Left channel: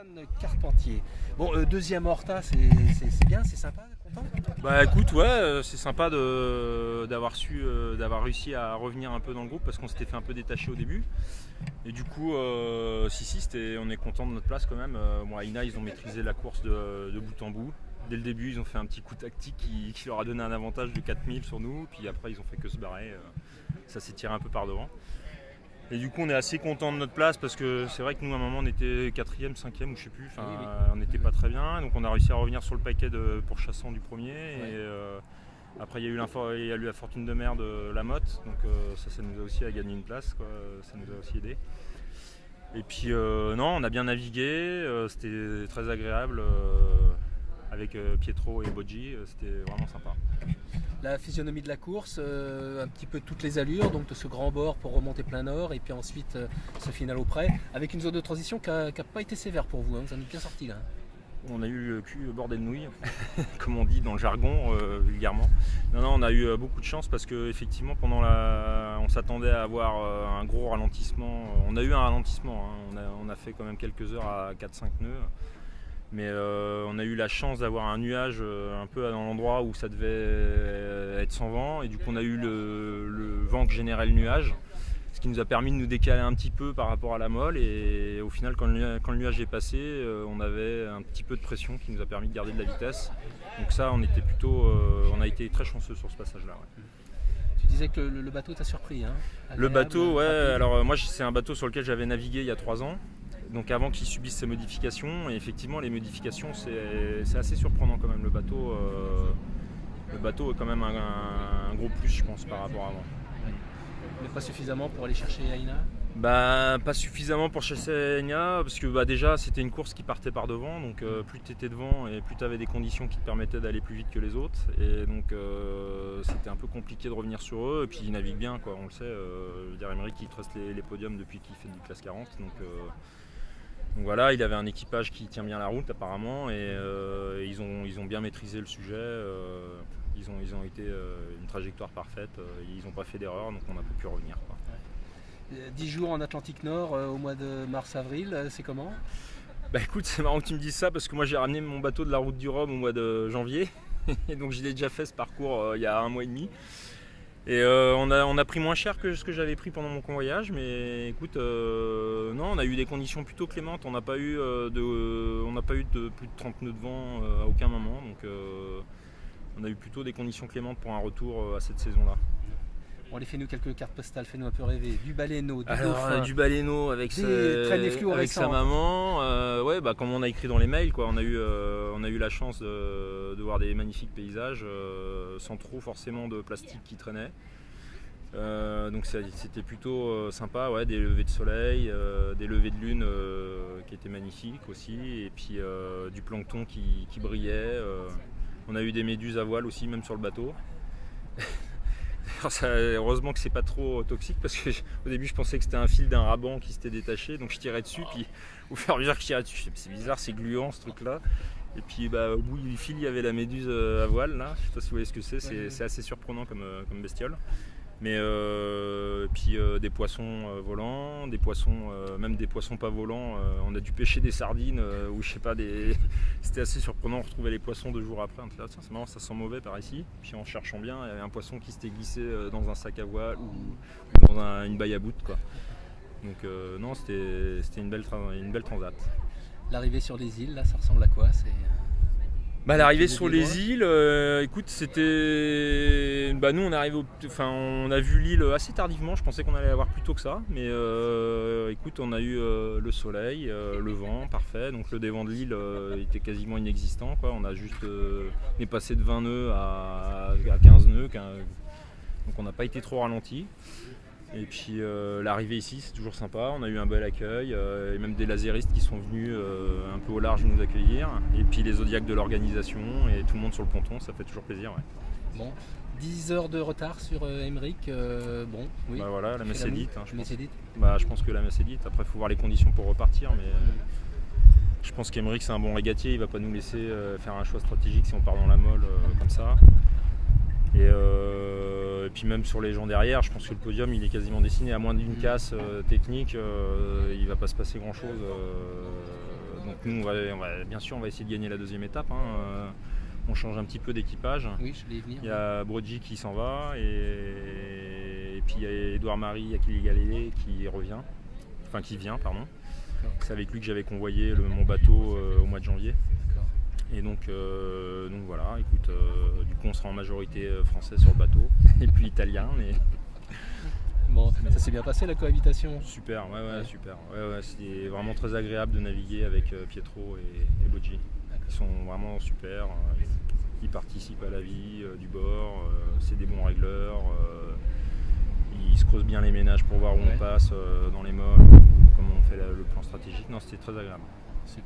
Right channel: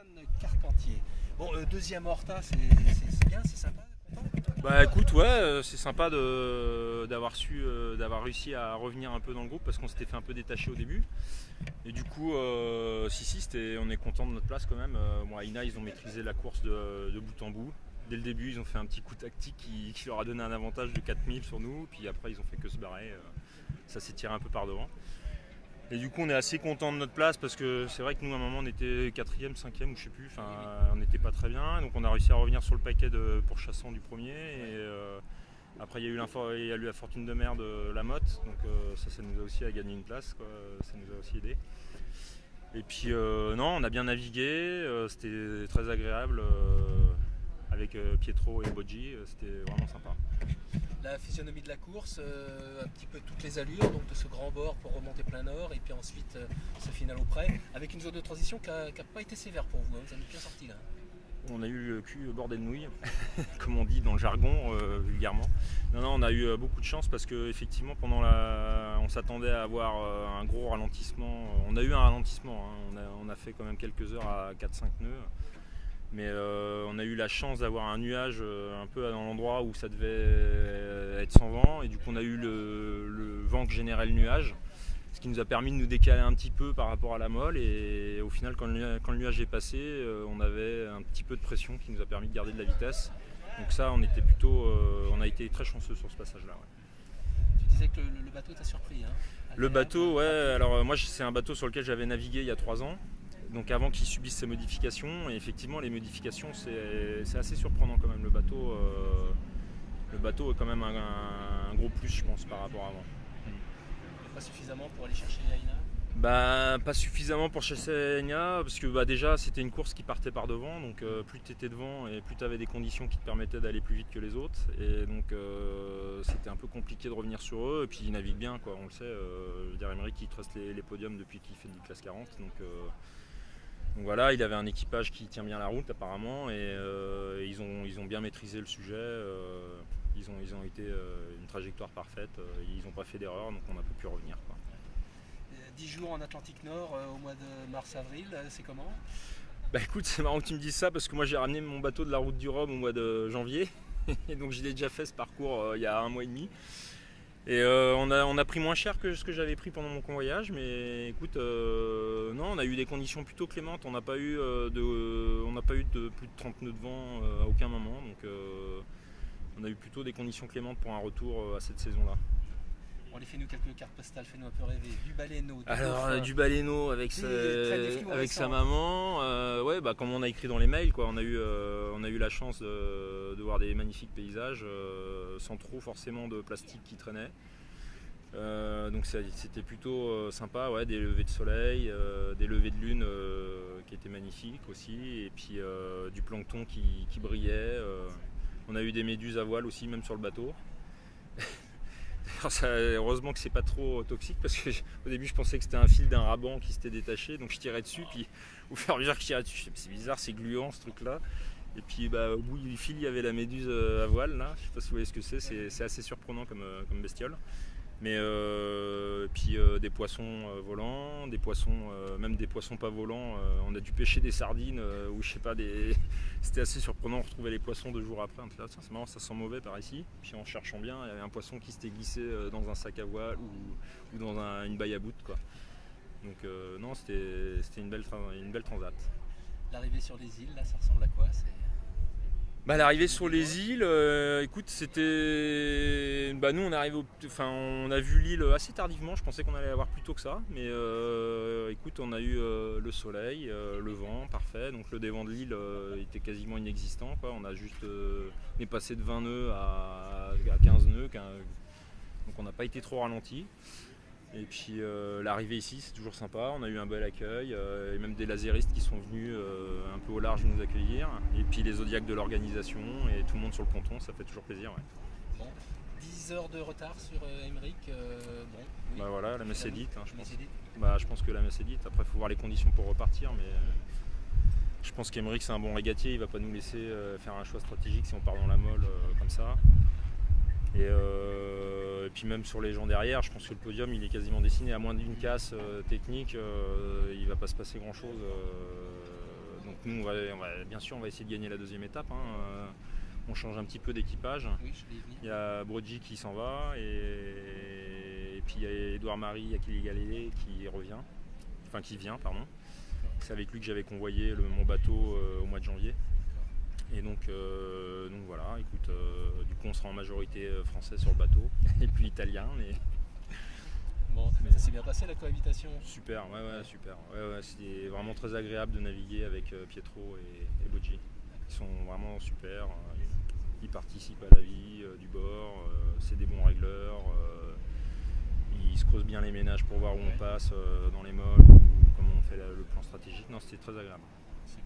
Antoine Carpentier. Bon, deuxième Horta, c'est bien, c'est sympa, content. Bah écoute, ouais, c'est sympa d'avoir réussi à revenir un peu dans le groupe parce qu'on s'était fait un peu détacher au début. Et du coup, on est content de notre place quand même. Bon, à Ina, ils ont maîtrisé la course de bout en bout. Dès le début, ils ont fait un petit coup tactique qui leur a donné un avantage de 4000 sur nous. Puis après, ils ont fait que se barrer. Ça s'est tiré un peu par devant. Et du coup, on est assez content de notre place parce que c'est vrai que nous, à un moment, on était 4e, 5e ou je sais plus. Enfin, on n'était pas très bien. Donc, on a réussi à revenir sur le paquet pour Chassant du premier. Ouais. Et après, il y a eu la fortune de mer de la Motte. Donc, ça nous a aussi gagné une place, quoi. Ça nous a aussi aidé. Et puis, non, on a bien navigué. C'était très agréable avec Pietro et Boggi. C'était vraiment sympa. La physionomie de la course, un petit peu toutes les allures, donc de ce grand bord pour remonter plein nord et puis ensuite ce final au près, avec une zone de transition qui n'a pas été sévère pour vous, hein. Vous en êtes bien sorti là. On a eu le cul bordé de nouilles, comme on dit dans le jargon vulgairement. Non, on a eu beaucoup de chance parce qu'effectivement on s'attendait à avoir un gros ralentissement. On a eu un ralentissement, hein. On a fait quand même quelques heures à 4-5 nœuds. Mais on a eu la chance d'avoir un nuage un peu dans l'endroit où ça devait être sans vent. Et du coup, on a eu le vent que générait le nuage, ce qui nous a permis de nous décaler un petit peu par rapport à la molle. Et au final, quand le nuage est passé, on avait un petit peu de pression qui nous a permis de garder de la vitesse. Donc ça, on a été très chanceux sur ce passage-là. Ouais. Tu disais que le bateau t'a surpris, hein? Le bateau, ouais. Alors moi, c'est un bateau sur lequel j'avais navigué il y a 3 ans. Donc avant qu'ils subissent ces modifications, et effectivement les modifications c'est assez surprenant quand même. Le bateau est quand même un gros plus, je pense, par rapport à avant. Mais pas suffisamment pour aller chercher Aina? Bah pas suffisamment pour chercher Aina parce que déjà c'était une course qui partait par devant, donc plus tu étais devant et plus tu avais des conditions qui te permettaient d'aller plus vite que les autres, et donc c'était un peu compliqué de revenir sur eux. Et puis ils naviguent bien, quoi, on le sait. Je veux dire, Emeric il truste les podiums depuis qu'il fait du classe 40, donc voilà, il avait un équipage qui tient bien la route apparemment, et ils ont bien maîtrisé le sujet. Ils ont été une trajectoire parfaite, ils n'ont pas fait d'erreur, donc on a pu revenir, quoi. 10 jours en Atlantique Nord au mois de mars-avril, c'est comment? Bah écoute, c'est marrant que tu me dises ça parce que moi j'ai ramené mon bateau de la route du Rhum au mois de janvier, et donc je l'ai déjà fait ce parcours il y a 1 mois et demi. Et on a pris moins cher que ce que j'avais pris pendant mon convoyage, mais écoute, non, on a eu des conditions plutôt clémentes. On n'a pas eu de plus de 30 nœuds de vent à aucun moment, donc on a eu plutôt des conditions clémentes pour un retour à cette saison-là. Bon, allez, fais-nous quelques cartes postales, fais-nous un peu rêver. Du baleineau, du baleineau avec sa maman, ouais, bah, comme on a écrit dans les mails, quoi. On a eu la chance de voir des magnifiques paysages sans trop forcément de plastique qui traînait. Donc c'était plutôt sympa, ouais, des levées de soleil, des levées de lune qui étaient magnifiques aussi, et puis du plancton qui brillait. On a eu des méduses à voile aussi, même sur le bateau. Heureusement que c'est pas trop toxique, parce que au début je pensais que c'était un fil d'un raban qui s'était détaché, donc je tirais dessus, puis au fur et à mesure que je tirais dessus, c'est bizarre, c'est gluant ce truc là. Et puis au bout du fil il y avait la méduse à voile là, je sais pas si vous voyez ce que c'est assez surprenant comme bestiole. Mais puis des poissons volants, des poissons, même des poissons pas volants. On a dû pêcher des sardines ou je sais pas, c'était assez surprenant. On retrouvait les poissons 2 jours après. On était là, tiens, c'est marrant, ça sent mauvais par ici. Puis en cherchant bien, il y avait un poisson qui s'était glissé dans un sac à voile ou dans une baille à bout, quoi. Donc non, c'était une belle transat. L'arrivée sur les îles, là, ça ressemble à quoi? L'arrivée sur les îles, écoute, c'était. Nous on a vu l'île assez tardivement, je pensais qu'on allait la voir plus tôt que ça, mais écoute, on a eu le soleil, le vent, parfait, donc le dévent de l'île était quasiment inexistant, quoi. On est passé de 20 nœuds à 15 nœuds, donc on n'a pas été trop ralenti. Et puis l'arrivée ici, c'est toujours sympa, on a eu un bel accueil, et même des laséristes qui sont venus un peu au large nous accueillir, et puis les zodiacs de l'organisation et tout le monde sur le ponton, ça fait toujours plaisir. Ouais. Bon, 10 heures de retard sur Emeric, bon, oui. Voilà, la messe est dite, hein, je pense. Dite. Je pense que la messe est dite, après il faut voir les conditions pour repartir, mais je pense qu'Emeric c'est un bon régatier, il va pas nous laisser faire un choix stratégique si on part dans la molle comme ça. Et puis même sur les gens derrière, je pense que le podium il est quasiment dessiné, à moins d'une casse technique, il va pas se passer grand chose Donc nous, bien sûr, on va essayer de gagner la deuxième étape. On change un petit peu d'équipage. Oui, je vais y venir. Il y a Brogy qui s'en va et puis il y a Edouard Marie Akili Galilée qui vient. C'est avec lui que j'avais convoyé mon bateau au mois de janvier. D'accord. Et donc voilà, écoute, du coup on sera en majorité français sur le bateau et puis italien. Bon, ça s'est bien passé la cohabitation? Super, super. C'est vraiment très agréable de naviguer avec Pietro et Brogy. Ils sont vraiment super. Ils participent à la vie du bord, c'est des bons régleurs, ils se creusent bien les ménages pour voir où on passe dans les molles, ou comment on fait le plan stratégique. Non, c'était très agréable. Super.